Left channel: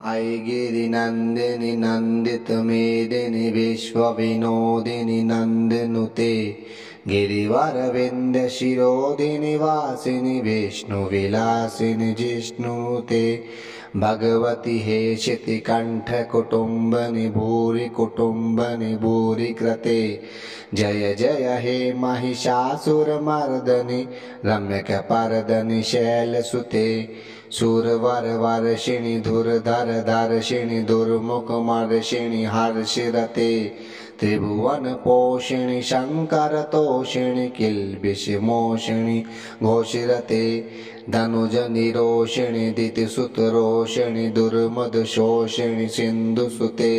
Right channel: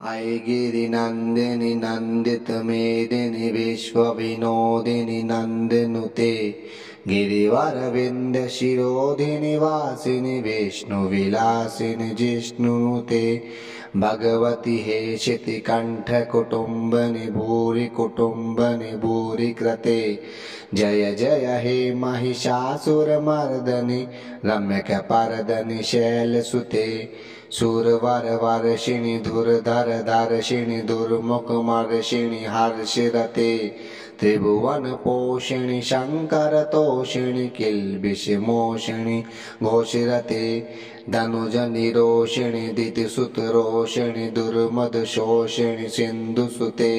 अयि गिरिनन्दिनि नन्दित मेदिनि विश्वविनोदिनि नन्दनुते गिरिवरविन्द शिरोधिनि वासिनि विष्णुविलासिनि जिष्णुनुते भगवति हे शितिकण्ठ कुटुम्बनि भूरि कुटुम्बनि भूरि कृते जय जय हे महिषासुरमर्दनि रम्यकपर्दनि शैलसुते सुरवर वर्षिणि धुरधर धर्षिणि दुर्मुखमर्षिणि हर्षिरते त्रिभुवन पोषिणि शंकर तोषिणि किल्बिषमोषिणि घोषिरते धनुज निरोषिणि दितिसुत रोषिणि दुर्मदशोषिणि सिन्धुसुते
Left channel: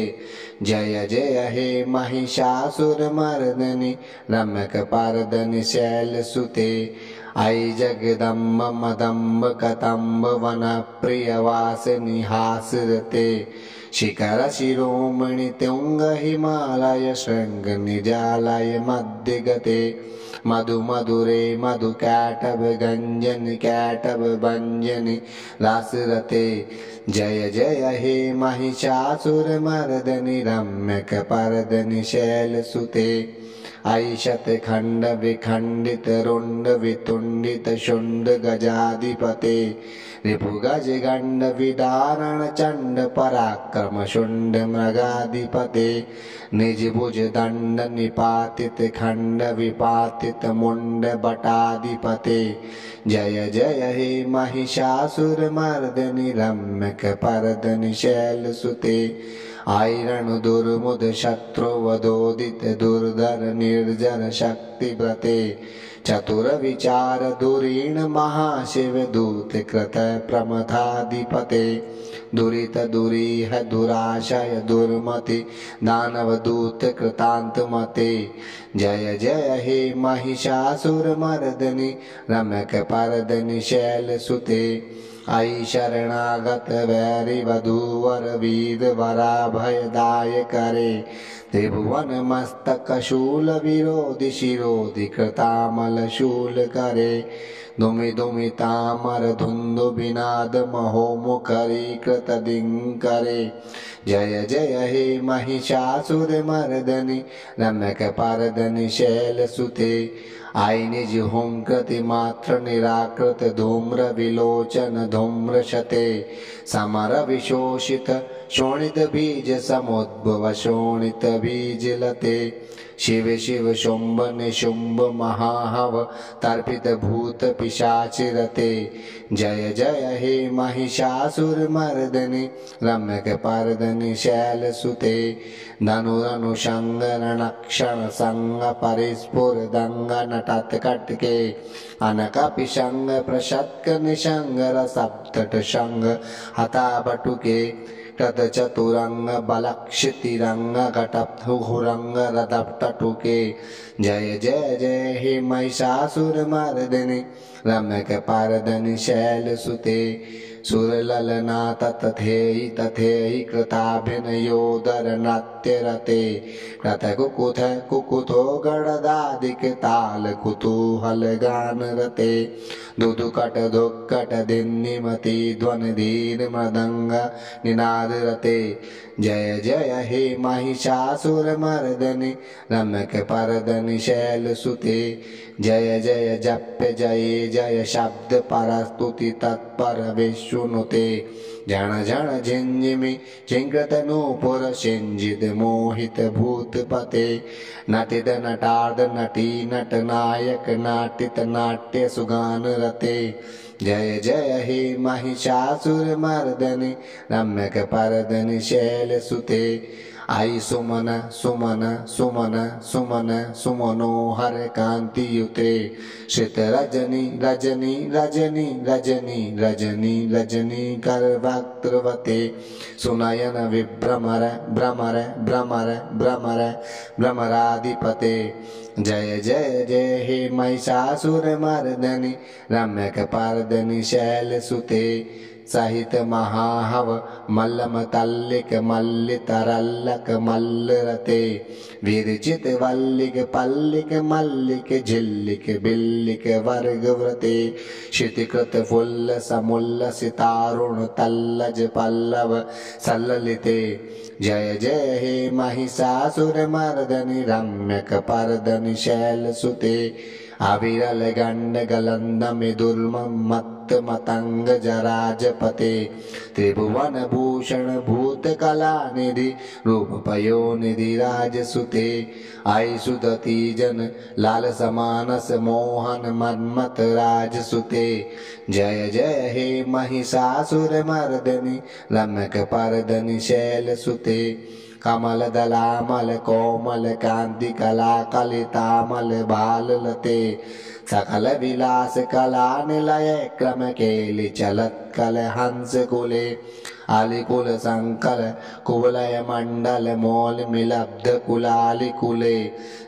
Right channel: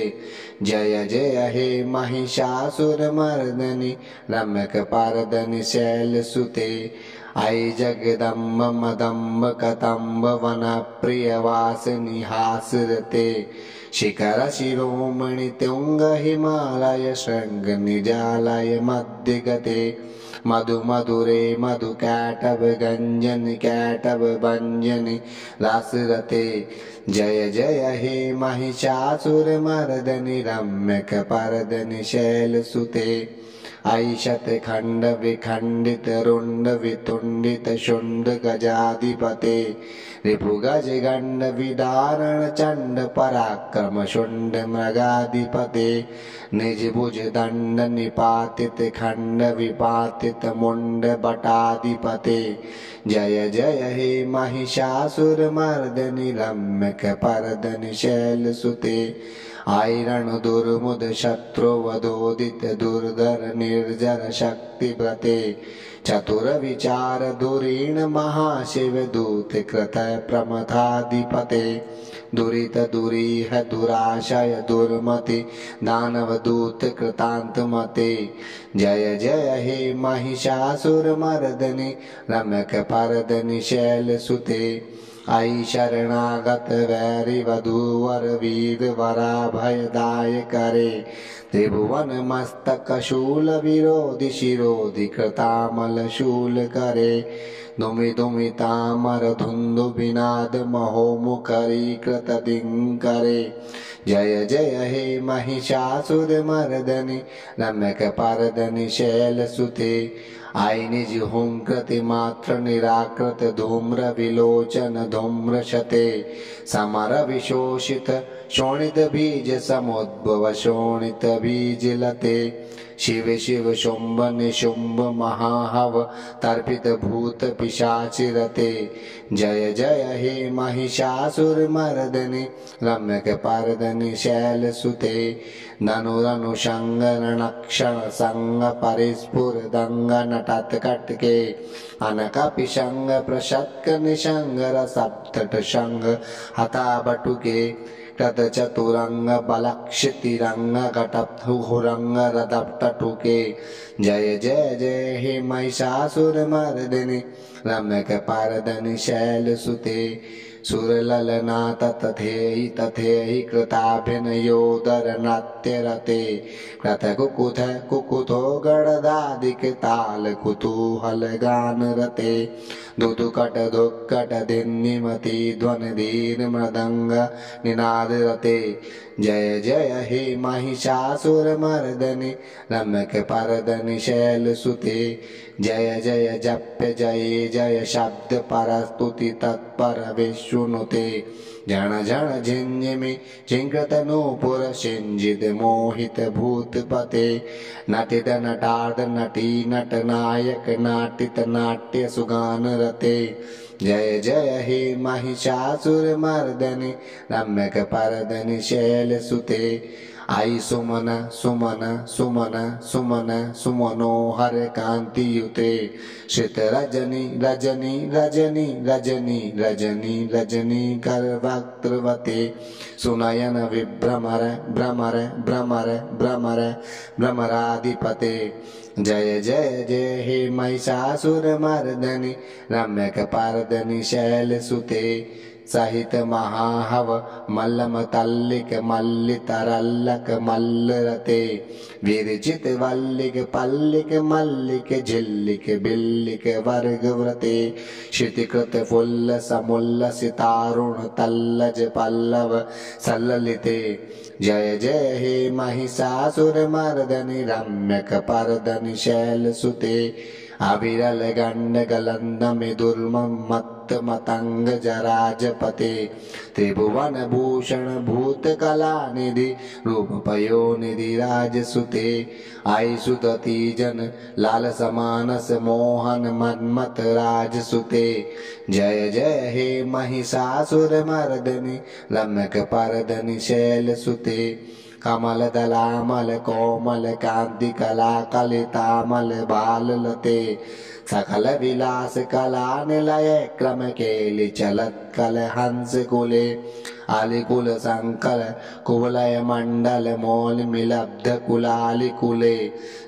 जय जय हे महिषासुरमर्दनि रम्यकपर्दनि शैलसुते अयि जगदम्ब मदम्ब कदम्ब वन प्रियवासिनि हासरते शिखर शिरोमणि तुंग हिमालय शृंग निजालय मध्यगते मधु मधुरे मधु कैटभ गंजन कैटभ भंजनि रासरते जय जय हे महिषासुरमर्दनि रम्यकपर्दनि शैलसुते अयि शतखंड विखंडित रुंड वितुंडित शुंड गजाधिपते रिपुगज गंड विदारण चंड पराक्रम शुंड मृगाधिपते निज भुज दंड निपातित खंड विपातित मुंड बटाधिपते जय जय हे महिषासुरमर्दनि रम्यकपर्दनि शैलसुते आयरण दुर्मुद शत्रु वधोदित दुर्धर निर्जर शक्ति व्रते चतुर विचार दुरीण महाशिव दूत कृत प्रमथाधिपते दुरित दुरीह दुराशय दुर्मति दानव दूत कृतांत मते जय जय हे महिषासुरमर्दनि रम्यकपर्दनि शैलसुते अयि शरणागत वैरि वधूवर वीर वरा भयदाय करे त्रिभुवन मस्तक शूल विरोधि शिरोधि कृतामल शूल करे दुमि दुमि तामर धुंधु बिनाद महोमुखरी कृत दिंकरे जय जय हे महिषासुरमर्दनि रम्यकपर्दनि शैलसुते अयि निज हुंकृति मात्र निराकृत धूम्र विलोचन धूम्र शते समर विशोषित शोणित बीज समुद्भव शोणित बीज लते शिव शिव शुंभ निशुंभ महाहव तर्पित भूत पिशाचिरते जय जय हे महिषासुरमर्दनि रम्यकपर्दनि शैलसुते धनुरनुषंग रणक्षण संग परिस्फुर दंग नटत कटके अनक पिशंग प्रशतक निशंग रसप्तट शंग हता बटुके कृत चतुरंग बलक्षितिरंग घटपहुरंग रदपटुके जय जय जय हे महिषासुरमर्दिनि रम्यकपर्दनि शैलसुते सुरललना तथेहि तथेहि कृताभिनयोदर नृत्यरते कृतकुकुथ कुकुथो गणदादिक ताल कुतूहल गान रते दुदुकट दुक्कट धिन्निमति ध्वनि धीर मृदंग निनाद रते जय जय हे महिषासुरमर्दनि रम्यकपर्दनि शैलसुते जय जय जप्य जय जय शब्द परस्तुति तत्पर विष्णुनुते जन जन झिंझिमि झिंकृत नूपुर सिंजित मोहित भूतपते नटित नटार्द नटी नट नायक नाटित नाट्य सुगान रते जय जय हे महिषासुरमर्दनि रम्यकपर्दनि शैलसुते अयि सुमन सुमन सुमन सुमन सुमनोहर कांति युते श्रित रजनी रजनी रजनी रजनी रजनी रजनी कर वक्त्रवते सुनयन विभ्रमर भ्रमर भ्रमर भ्रमर भ्रमराधिपते जय जय जय हे महिषासुरमर्दनि रम्यकपर्दनि शैलसुते सहित महाहव मल्लम तल्लिक मल्लितरल्लक मल्लरते विरजित वल्लिक पल्लिक मल्लिक झिल्लिक बिल्लिक वर्गव्रते क्षितिकृत फुल्ल समुल्लसितारुण तल्लज पल्लव सल्ललिते जय जय हे महिषासुर मर्दनि रम्यक पर्दनि शैलसुते अविरल गंड गलंद मिदुर्मम मत्त मतंग जराजपते त्रिभुवन भूषण भूत कला निधि रूप पयो निधि राजसुते आई सुतती जन लाल समानस मोहन मन्मत राजसुते जय जय हे महिषासुर मर्दनि रम्यक पर्दनि शैलसुते कमल दलामल कोमल कांति कला कलितामल बाल लते सकल विलास कला निलय क्रम केलि चलत कल हंस कुले आलिकुल संकल कुवलय मंडल मोल मिलब्ध कुलालि कुले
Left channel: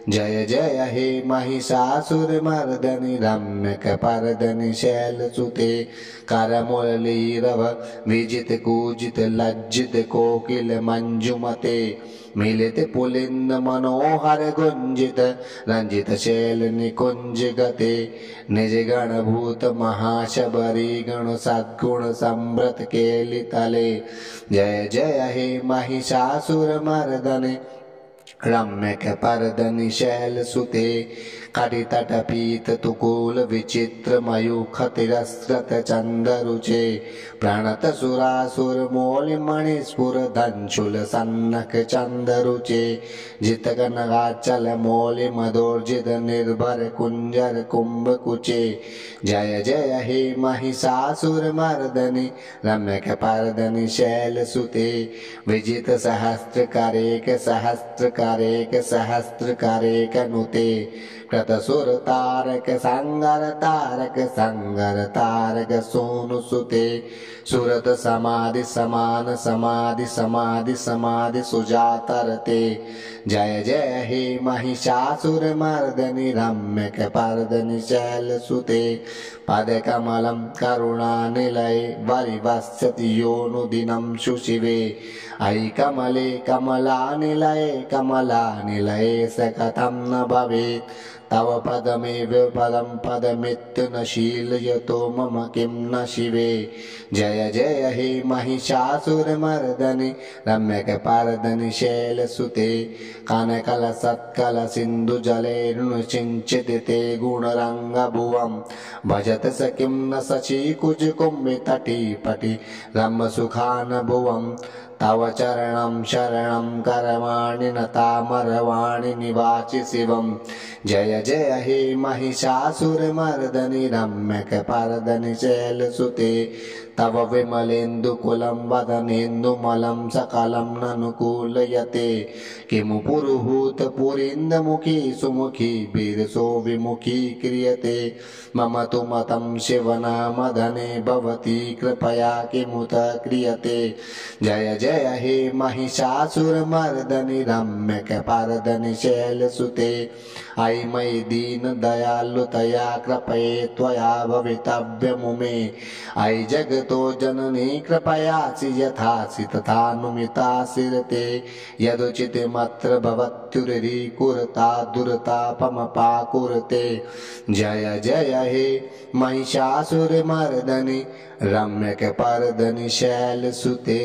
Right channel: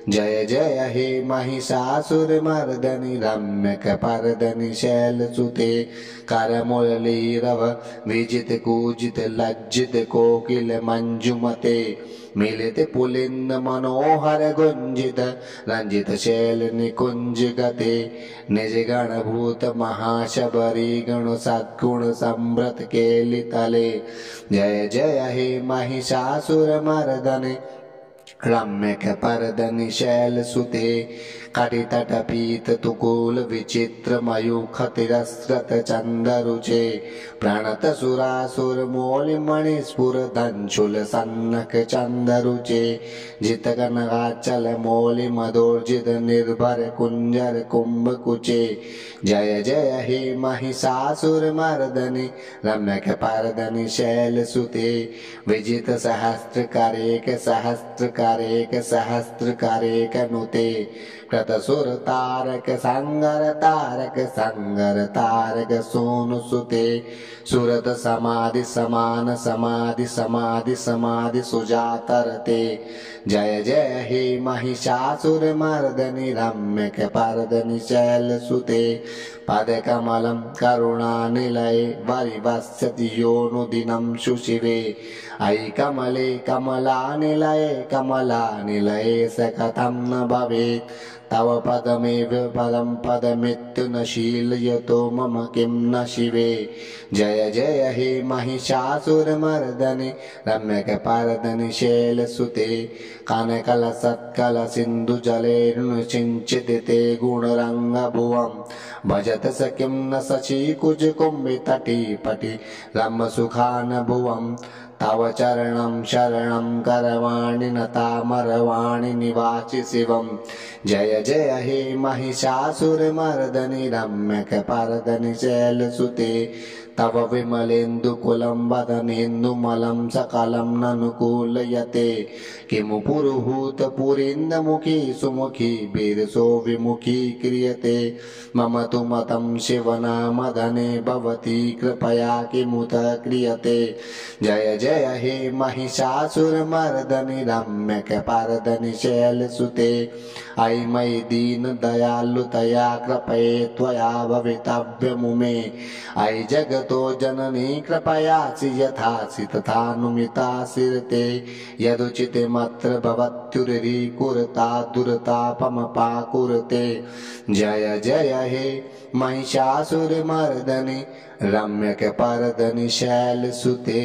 जय जय हे महिषासुर मर्दनि रम्यक पर्दनि शैलसुते करमुरलीरव विजित कूजित लज्जित कोकिल मंजुमते मिलित पुलिंद मनोहर गुंजित रंजित शैल निकुंज गते निज गण भूत महाशबरी गण सद्गुण समृत केलि तले जय जय हे महिषासुर मर्दनि रम्यक पर्दनि शैलसुते कटितट पीत तुकुल विचित्र मयूख तिरस्कृत चंदरुचे प्रणत सुरासुर मौलि मणिस्फुर दंशुल सन्नक चंदरुचे जित कनगाचल मौलि मधोर्जित निर्भर कुंजर कुंभ कुचे जय जय हे महिषासुर मर्दनि रम्यक पर्दनि शैलसुते विजित सहस्त्र करेक सहस्त्र करेक सहस्त्र करेक नुते कृतसुर तारक संगर तारक सोनु सुते सुरत समाधि समान समाधि समाधि समाधि सुजातरते जय जय हे महिषासुर मर्दनि रम्यक पर्दनि शैलसुते पद कमलं करुणानिलये वरिवस्यति योनुदिनं शुशिवे अयि कमले कमलानिलये कमलानिलये स कथं न भवेत् तव पदमेव पदं पदमित्तु न शीलयतो मम किं न शिवे जय जय हे महिषासुर मर्दनि रम्यक पर्दनि शैलसुते कनकल सत्कल सिंधु जलेर्नु सिंचित ते गुणरंग भुवं भजत स किं न शशि कुज कुंभि तटी पटि रम सुखान भुवं तव चरणं शरणं करवाणि नतामरवाणि निवासि शिवं जय जय हे महिषासुर मर्दनि रम्यक पर्दनि शैलसुते तव विमलेन्दुकुलं वदनेन्दुमलं सकलं ननुकूलयते किमु पुरुहूत पुरीन्दमुखी सुमुखी बिरसो विमुखी क्रियते मम तु मतं शिवनामधने भवती कृपया किमुत क्रियते जय जय हे महिषासुर मर्दनि रम्यक पर्दनि शैलसुते अयि मयि दीन दयालुतया कृपये त्वया भवितव्यमुमे अयि जगतो जननी कृपयासि यथासि तथानुमितासि ते यदुचितमत्र भवत्युरीकुरता दुरतापमपाकुरते जय जय हे महिषासुर मर्दनि रम्यक पर्दनि शैलसुते।